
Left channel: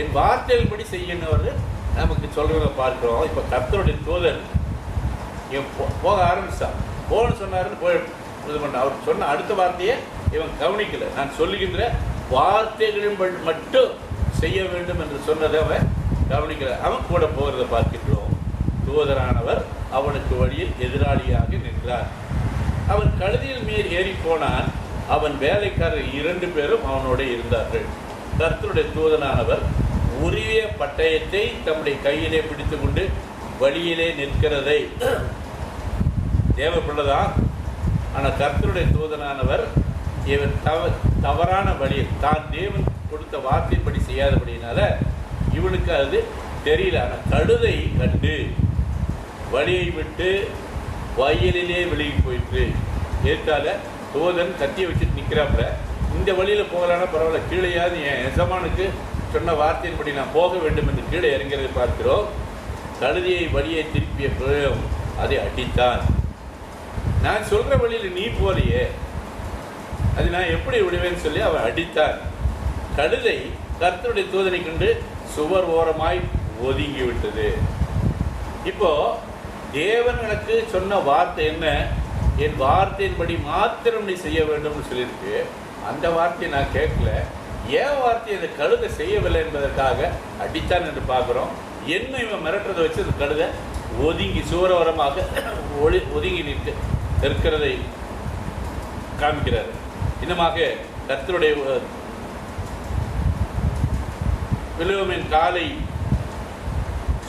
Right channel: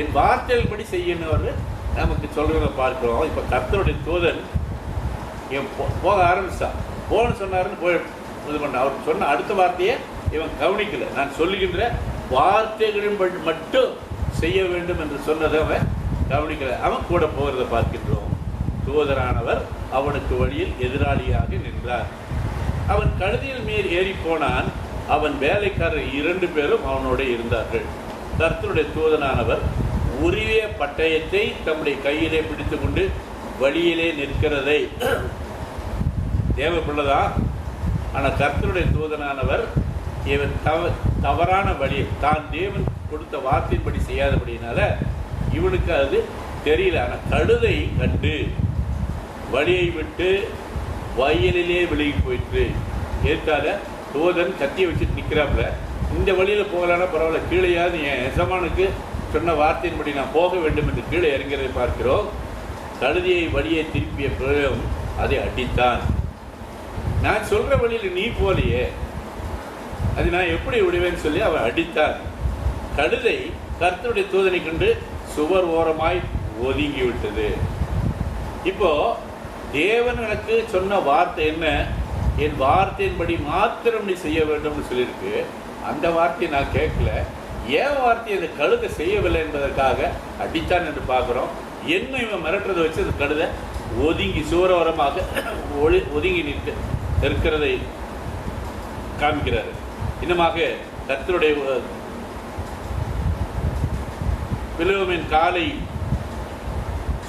என் வார்த்தையின்படி செய்யணும் நமக்கு சொல்றத பார்க்கிறோம். இப்ப கர்த்தருடைய தூதன் போக ஆரம்பிச்சான். போன்னு சொன்னாருன்னு போய் இது பண்ண. அவர் சொன்ன அடுத்த வார்த்தையை இவன் கவனிக்கல. நான் சொல்லுகின்ற வார்த்தைகளின் மட்டும் செய்ய வேண்டும் என்று சொன்னதை அவன் கவனிக்கல. அவன் கூட போகிறத பார்க்கின்றோம். தூதரானவர் அவனுக்கு வழியில் எதிராளியாக நின்றார். அவன் கழுதையில் மேல் ஏறி போனான். அவன் வேலைக்காரர் 2 பேரும் அவனோட இருந்தார்கள். கர்த்தருடைய தூதனானவர் உரிய பட்டயத்தை தம்முடைய கையிலே பிடித்துக் கொண்டு வழியிலே நிற்கிறதை தேவைப்பள்ளதா. ஆனா கர்த்தருடைய தூதனானவர் இவன் தவறான வழியில் தான் தேவன் கொடுத்த வார்த்தையின்படி செய்யாதபடினால இவனுக்கு அது தெரியல. ஆனா கழுதை கண்டு வழியை விட்டு வயலிலே விலகி போயிட்டு ஏற்றால தூதன் கத்தியை வச்சுட்டு நிக்கிறாப்புல. இந்த வழியில போகலான்னா பரவாயில்ல, கீழேயாவது என் எஜமானுக்கு சொன்ன வார்த்தையின்படி நான் போக வேண்டும் என்று கீழே இறங்கிறதை பார்க்கிறோம். கழுதியை வழியை திருப்பிய பிறகும் அதை அடித்தான். நான் சொல்ற வழியில நீ போலையே, அது நான் எப்படி விடுவேன்னு சொல்லி அவன் அடித்தான். கழுதை கர்த்தருடைய தூதனை கண்டு சுவர் ஓரமாய் ஒதுங்கி விட்டது. இப்போ தேவன் எனக்கு சொன்ன வார்த்தை என்ன? என் வார்த்தையின்படி மாத்திரம் நீ செய்ய வேண்டும் சொல்லியிருக்கு. அந்த வார்த்தையை நான் கேட்கல. ஏன் வார்த்தையை அந்த கழுதை செய்யவில்லை என்பதற்காக அடித்தான் என்று பார்க்கிறோம். என்ன இவன் மிரட்டுறதை வச்சு அந்த கழுதை ஒதுங்கி சுவரோரமாக ஒதுங்கி நிற்கிறதை காமிக்கிறாரு. இன்னமாக கர்த்தருடைய பிலோமின் காலை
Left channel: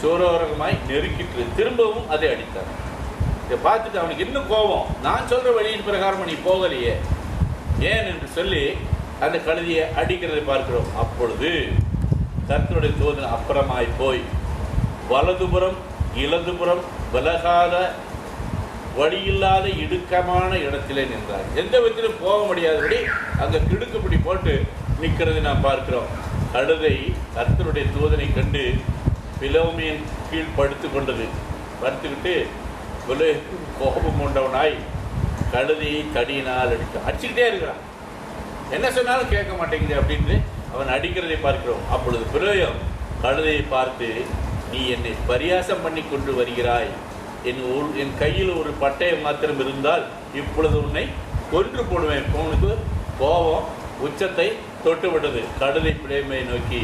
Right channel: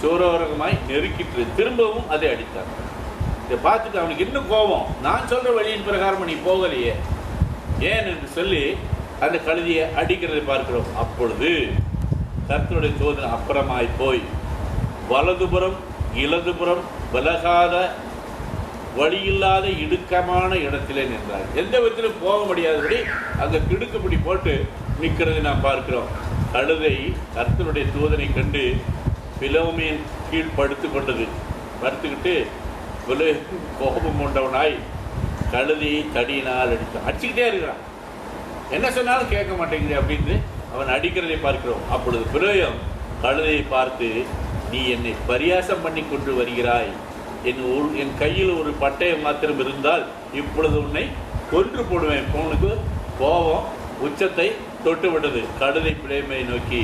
சோரோரகமாய் நெருக்கிட்டு திரும்பவும் அதை அடித்தார். இதை பார்த்துட்டு அவனுக்கு இன்னும் கோபம். நான் சொல்ற வழியின் பிரகாரம் நீ போகலையே ஏன் என்று சொல்லி அந்த கழுதியை அடிக்கிறதை பார்க்கிறோம். அப்பொழுது கர்த்தருடைய தூதன் அப்புறமாய் போய் வலதுபுறம் இடதுபுறம் விலகாத வழியில்லாத இடுக்கமான இடத்திலே நின்றார். எந்த விதத்திலும் போக முடியாதபடி அங்க கிடுக்குப்படி போட்டு நிற்கிறதை நாம் பார்க்கிறோம். கழுதை கர்த்தருடைய தூதனை கண்டு பிலோமியின் கீழ் படுத்துக்கிட்டு கோபம் கொண்டவனாய் கழுதையை தடியினால் அடிச்சுக்கிட்டே இருக்கிறான். என்ன சொன்னாலும் கேட்க மாட்டேங்குது அப்படின்னு அவன் அடிக்கிறதை பார்க்கிறோம். அப்பொழுது பிலோயம் கழுதையை பார்த்து, நீ என்னை பரியாசம் பண்ணி கொண்டு வருகிறாய். என் கையில் ஒரு பட்டயம் மாத்திரம் இருந்தால் இப்பொழுது உன்னை கொன்று போடுவேன். உனக்கு கோபம் உச்சத்தை தொட்டு விட்டது. கழுதை பிளேமையை நோக்கி,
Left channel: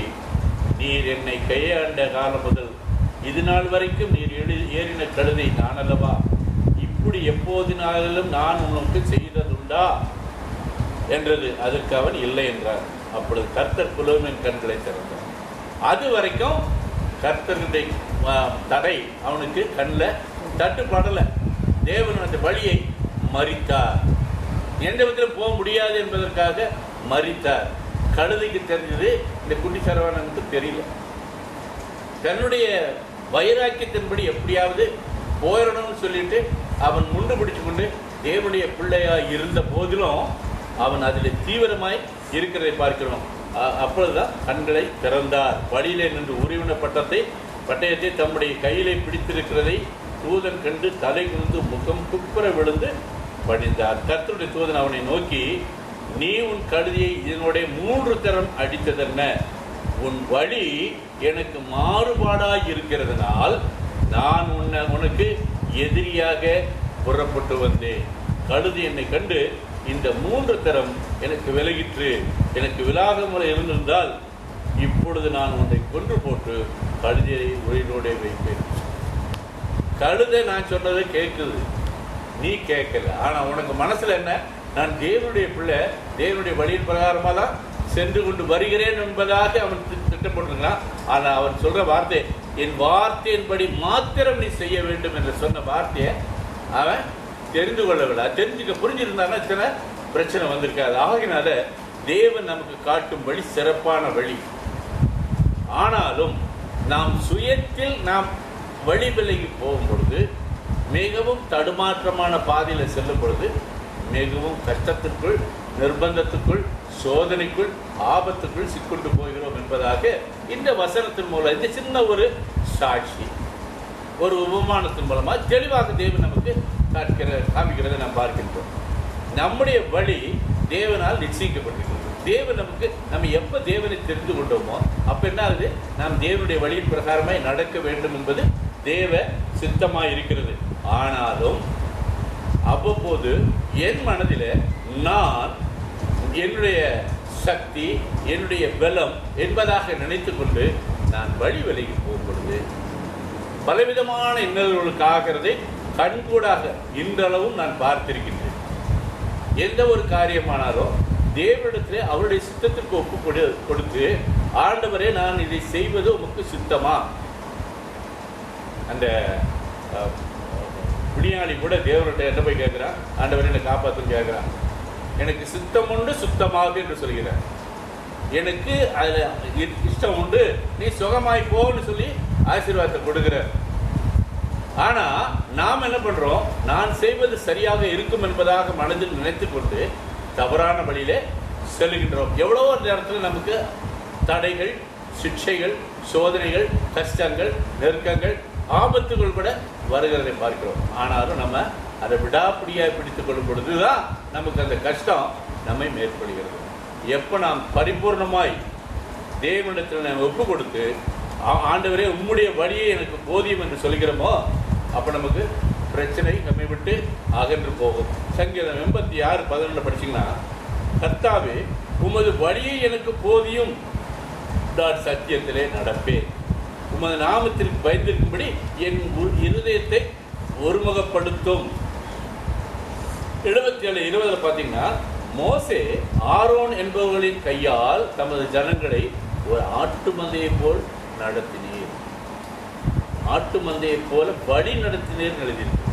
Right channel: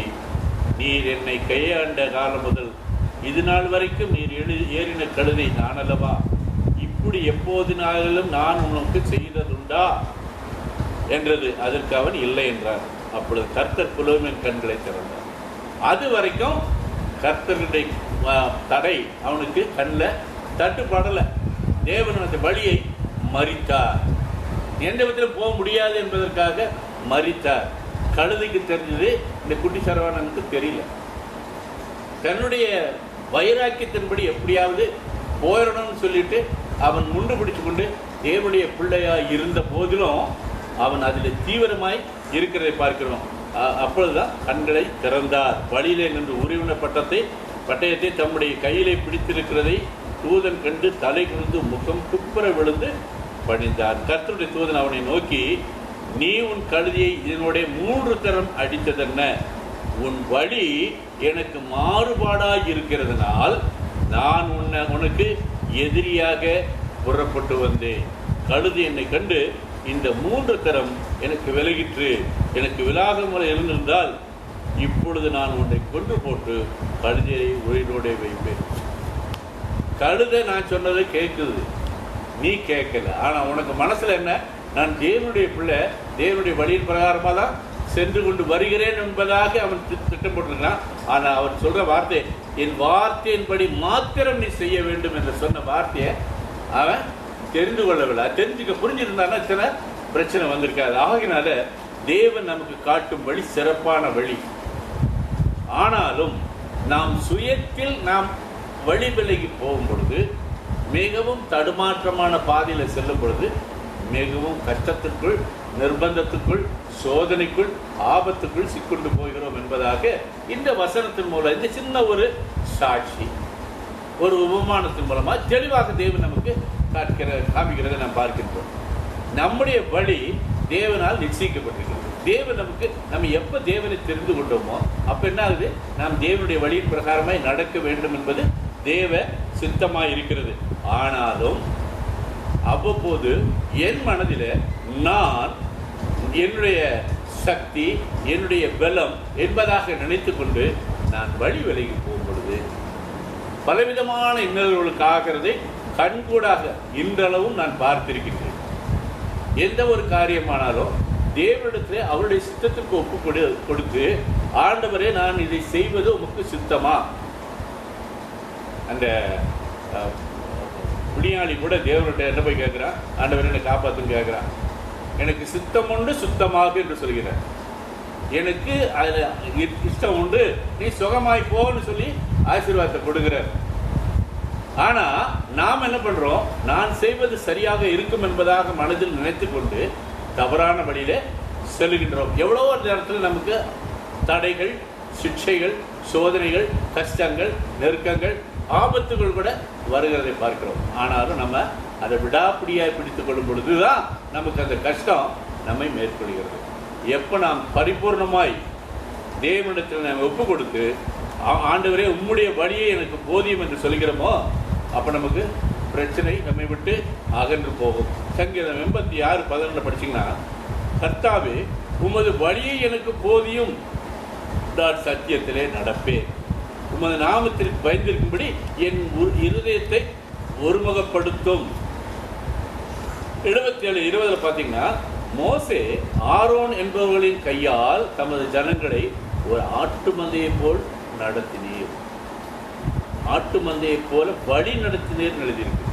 நீர் என்னை கையாண்ட காலம் முதல் இது நாள் வரைக்கும் நீர் ஏறின கழுதை நான் அல்லவா? இப்படி எப்போதினாலும் நான் உனக்கு செய்ததுண்டா என்றது. அதற்கு அவன் இல்லை என்றார். அப்பொழுது கர்த்தர் பிலோமின் கண்களை திறந்தார். அது வரைக்கும் கர்த்தருடைய தடை அவனுக்கு கண்ணில் தட்டுப்படல. தேவன் அந்த வழியை மறித்தார். எந்த விதத்திலும் போக முடியாது என்பதற்காக மறித்தார். கழுதைக்கு தெரிஞ்சது, இந்த குட்டி சரவணனுக்கு தெரியல. தன்னுடைய வைராக்கியத்தின்படி எப்படியாவது போயிடணும்னு சொல்லிட்டு அவன் முண்டு பிடிச்சு கொண்டு தேவனுடைய பிள்ளையா இருந்த போதிலும் அவன் அதில் தீவிரமாய் இருக்கிறதை பார்க்கிறோம். அப்பொழுதுதான் கண்களை திறந்தார். வழியிலே நின்று உருவின பட்டயத்தை தம்முடைய கையிலே பிடித்திருக்கிறதை தூதன் கண்டு தலை குனிந்து முகம் குப்புற விழுந்து பணிந்தார். கர்த்தருடைய தூதன் அவனை நோக்கி, நீ உன் கழுதியை இதனுடைய 3 தரம் அடித்ததென்ன? உன் வழி எனக்கு மாறுபாடாய் இருக்கிறதுனால் நான் உனக்கு எதிரியாக புறப்பட்டு வந்தேன். கழுதி என்னை கண்டு இந்த 3 தரம் எனக்கு விலகிற்று. எனக்கு விலாகாமல் இருந்திருந்தால் இப்பொழுது நான் உன்னை கொன்று போட்டு கழுதியை உயிரோட வைப்பேன். கழுதை நான் சொன்னதை கேட்குது, நீ கேட்கல. ஆனா உனக்கு மனசுல என்ன? நான் தேவனுடைய பிள்ளை, தேவனுடைய வழியின் பிரகாரமா தான் சென்று கொண்டு வருகிறேன் என்பதாக அவன் திட்டம் போட்டிருக்கான். ஆனா அவன் சொல்ற வார்த்தை, என் வார்த்தையின்படி மாத்திரம் நீ செய்ய வேண்டும் என்று சொன்ன வார்த்தையை அவன் தெரிந்து கொள்ளவில்லை. தெரிஞ்சுக்க புரிஞ்சிருந்தான்னா சில பிரச்சனை வந்திருக்காது. ஆகினால தேவன் நமக்கு காட்டும் வழி சிறப்பான வழி. ஆனாலும் நாம் சுயத்தில் நாம் வழி விலகி போகும் பொழுது, மிகவும் தடுமாற்றமான பாதையில் செல்லும் பொழுது, மிகவும் கஷ்டத்திற்குள், நிர்பந்தத்துக்குள், சோதனைக்குள், ஆபத்துக்குள் சிக்கொண்டு போகிறோம் என்பதாக இந்த வசனத்தின் மூலம், இந்த சின்ன ஒரு சாட்சி, ஒரு உபமானத்தின் மூலமா தெளிவாக தேவன் நமக்கு காமிக்கிறதை நாம் பார்க்கின்றோம். நம்முடைய வழி தேவனால் நிச்சயிக்கப்பட்டிருக்கிறது. தேவன் நமக்கு, நம்ம எப்ப தேவனை தெரிந்து கொண்டோமோ அப்ப என்ன ஆகுது, நாம் தேவனுடைய வழியின் பிரகாரமாய் நடக்க வேண்டும் என்பது தேவ சித்தமாய் இருக்கிறது. ஆனாலும் அவ்வப்போது என் மனதில் நான் என்னுடைய சக்தி, என்னுடைய பலம் என்பதாக நினைத்து கொண்டு நான் வழி விலகி போகும் பொழுது பலவிதமான இன்னல்களுக்கு ஆகிறதை கண்கூடாக இன்றளவும் நான் பார்த்திருக்கின்றேன். எந்த ஒரு காரியமானாலும் தேவனிடத்திலே அவருடைய சித்தத்திற்கு ஒப்பு கொடுத்து, ஆண்டவரே நான் இதை செய்வது உமக்கு சித்தமா? அந்த புனியாளி கூட தேவன்கிட்ட என்ன போய் கேட்கிறான், ஆண்டவரே என்னை காப்பாத்துன்னு கேட்கிறான். எனக்கு சித்தம் உண்டு சுத்தமாக என்று சொல்கிறார். எனக்கு அதுல இஷ்டம் உண்டு, நீ சுகமாய் போன்னு சொல்லி ஆசீர்வாதத்தை கொடுக்கிறார். ஆனா நாம் என்ன பண்றோம், நான் செய்வது சரியாக இருக்கும் என்பதாக மனதில் நினைத்து கொண்டு தவறான வழியிலே செல்கின்றோம். எவ்வளவோ நேரத்தில் நமக்கு தடைகள், சிக்ஷைகள், சோதனைகள், கஷ்டங்கள், நெருக்கங்கள், ஆபத்துகள் கூட வருகிறதை பார்க்கிறோம். ஆனாலும் நம்ம அதை விடாப்பிடியாய் பிடித்துக் கொள்ளும் பொழுதுதான் நமக்கு அந்த கஷ்டம் நம்மை மேற்கொள்கிறது. எப்ப நாம் பரிபூர்ணமாய் தேவனிடத்தில் நாம் ஒப்பு கொடுத்து, ஆண்டவரே உம்முடைய வழியே எனக்கு போதியும் என்று சொல்கிறோமோ, அப்ப நமக்கு பிரச்சனை நம்மை விட்டு அகன்று போகும். சங்கீதம் 86:11 படிச்சீங்கன்னா, கர்த்தாவே உமது வழியை எனக்கு போதியும், நான் சத்தியத்திலே நடப்பேன், உமது நாமத்திற்கு பயந்திருக்கும்படி என் இருதயத்தை ஒருமுகப்படுத்தும். 77:20 பாத்தீங்கன்னா, மோசே ஆரோன் என்பவர்களின் கையால் தமது ஜனங்களை ஒரு ஆட்டு மந்தையை போல் நடத்தினீர், ஆட்டு மந்தையை போல வழி நடத்தினீர் எழுதியிருக்கு.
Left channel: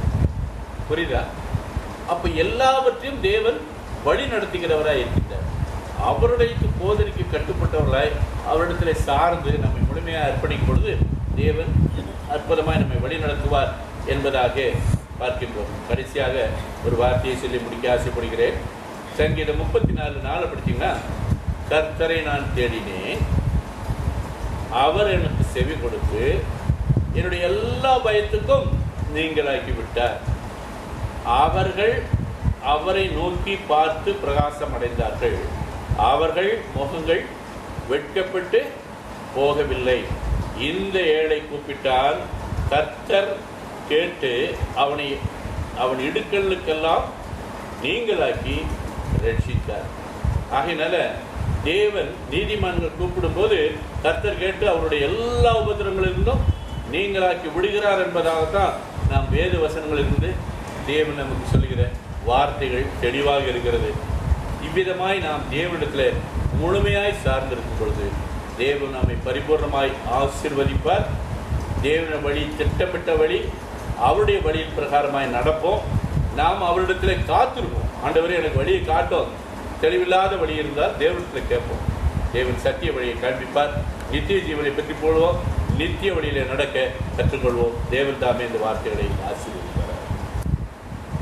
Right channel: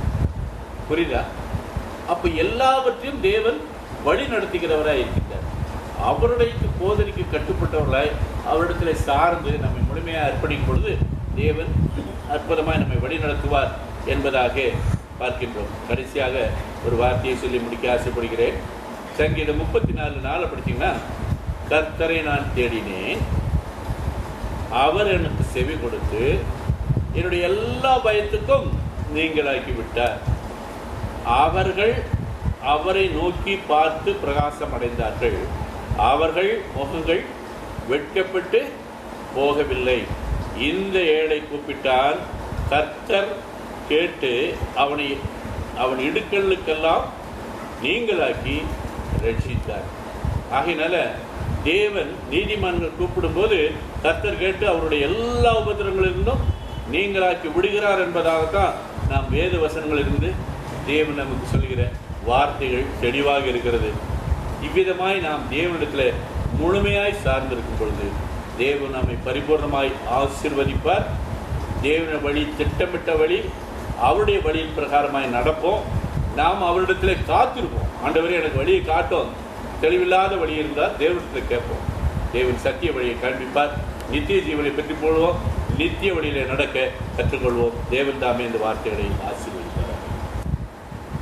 புரியுதா? அப்ப எல்லாவற்றையும் தேவன் வழி நடத்துகிறவராய் இருக்கின்றார். அவருடைய போதனைக்கு கட்டுப்பட்டவர்களாய் அவரிடத்துல சார்ந்து நம்மை முழுமையாக அர்ப்பணிக்கும் பொழுது தேவன் அற்புதமாய் நம்மை வழி நடத்துவார் என்பதாக பார்க்கின்றோம். கடைசியாக ஒரு வார்த்தையை சொல்லி முடிக்க ஆசைப்படுகிறேன். சங்கீதம் 34:4 படிச்சீங்கன்னா, கர்த்தரை நான் தேடினேன், அவர் எனக்கு செவி கொடுத்து என்னுடைய எல்லா பயத்துக்கும் நீங்களாக்கி விட்டார். அவர்கள் அவரை நோக்கி பார்த்து பிரகாசம் அடைந்தார்கள், அவர்கள் முகங்கள் வெட்கப்பட்டு போகவில்லை. இந்த ஏழை கூப்பிட்டான், கர்த்தர் கேட்டு அவன் இடுக்கலுக்கெல்லாம் நீங்களாக்கி ரட்சித்தார். ஆகையினால தேவன் நீதிமான்கள் கூப்பிடும் போது கர்த்தர் கேட்டு அவருடைய எல்லா உபத்திரங்களிலிருந்தும் நீங்களாக்கி விடுகிறார் என்பதாகத்தான் நாம் வேத வசனங்களிலிருந்து தேவன் நமக்கு சொல்லுகிற வார்த்தைகள் தெளிவாக இருக்கிறது. இவ்விதமாய் நாம் தேவனிடத்தில் முழுமையாய் சார்ந்திருக்கும் பொழுது தேவன் நம்மை பரிபூர்ணமாய் ஆசீர்வதிப்பார். தேவன வழி, திட்டமிட்ட வழி, அவருடைய வழியின் பிரகாரமாய் நடப்போம். நாம் அவரிடத்திலே காத்திருப்போம். ஆண்டவரே எனக்கு வழியை காட்டும். தெளிவில்லாத வழி இருந்தால் தேவனிடத்தில் கேட்போம். தேவன் சத்திய வழியை காண்பிப்பார். நித்திய ஜீவனை பெற்றுக் கொள்வோம். நித்திய வழியிலே நடக்க கற்றுக்கொள்வோம். தேவன் தாமே இந்த வார்த்தைகளை ஆசீர்வதிப்பார்.